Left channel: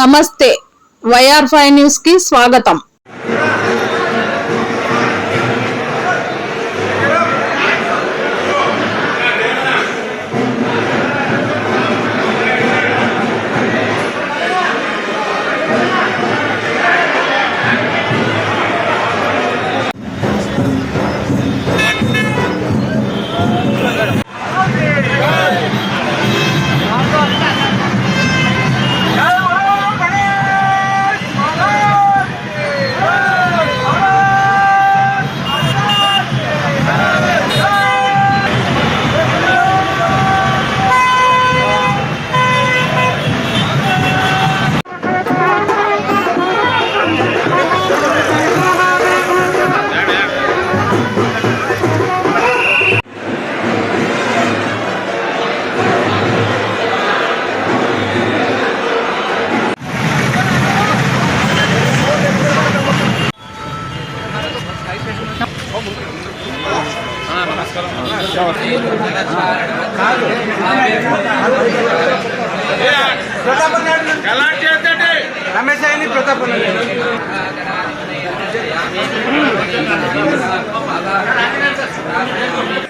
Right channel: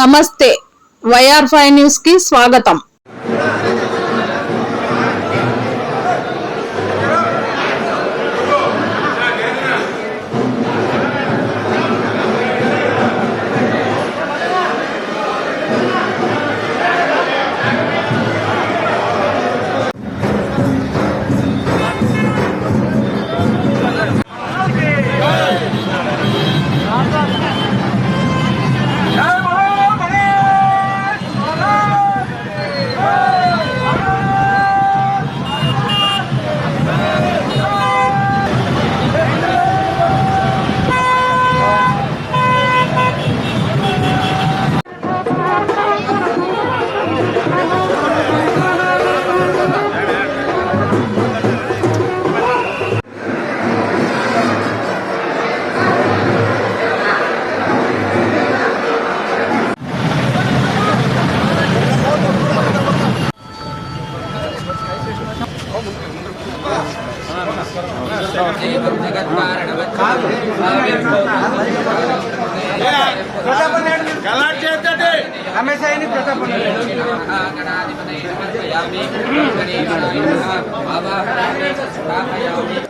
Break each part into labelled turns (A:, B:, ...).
A: నమస్తే. YR five న్యూస్కి స్వాగతం.
B: రమేష్ అయింది ప్రతాప్
C: जय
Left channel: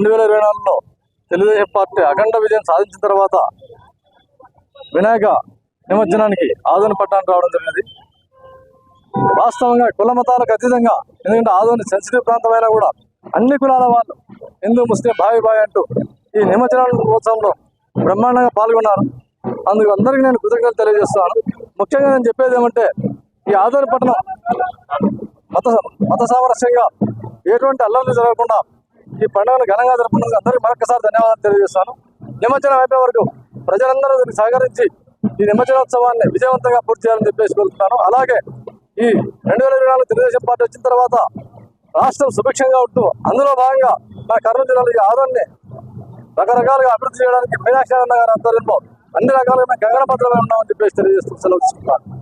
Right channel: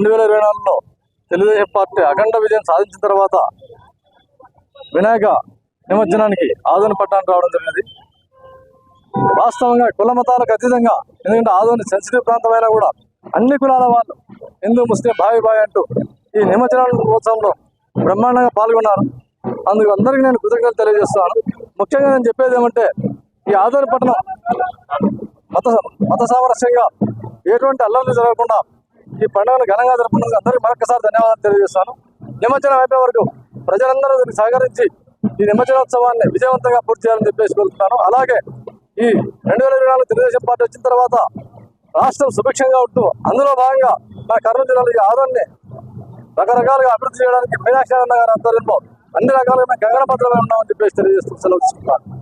D: రెండు వేల ఇరవై నాలుగులో తెలుగుదేశం పార్టీ అఖండ విజయం సాధించిన తర్వాత వినాయక నిమజ్జనానికి ఆదోని పట్టణానికి రావడం జరిగింది. వాస్తవంగా కుల మతాలకు అతీతంగా ఎందుకంటే ఆదోని సెన్సిటివ్ ప్రాంతమైనా కూడా అన్ని కులాల వాళ్ళు హిందూ ముస్లిం భావి భావి అంటూ ఈ నిమజ్జన ఉత్సవంలో బ్రహ్మాండంగా పాల్గొన్నారు. అందుకు అందరికీ నేను కృతజ్ఞతలు తెలియజేస్తున్నాను. ముఖ్యంగా నేను చెప్పేది ఏమంటే ఈ ఆదోని పట్టణం మత మత సామరస్యంగా ఎటువంటి అల్లర్లు జరగకుండా ఈ పండుగను ఘనంగా జరుపుకున్నందుకు అందరికీ మరొకసారి ధన్యవాదాలు తెలియజేస్తాను నిమజ్జనం అయిపోయే వరకు ప్రజలందరూ దీనికి సహకరించి ఈ నిమజ్జనోత్సవాన్ని విజయవంతంగా పూర్తి చేయాలని చెప్పేసి కోరుతున్నాను. అలాగే ఈ రెండు వేల ఇరవై నాలుగు తెలుగుదేశం పార్టీ వచ్చిన తర్వాత రాష్ట్రం సుభిక్షంగా ఉంటూ అందులో భాగంగా మా కర్నూలు జిల్లాలో ఈ ఆదోన్ని రకరకాలుగా అభివృద్ధి చేయడానికి మీనాక్షి అన్న గారి ఆధ్వర్యంలో అన్ని రకాలుగా మేము గగన ఉన్నామని చెప్పేసి తెలియజేస్తూ సెలవు తీసుకుంటాను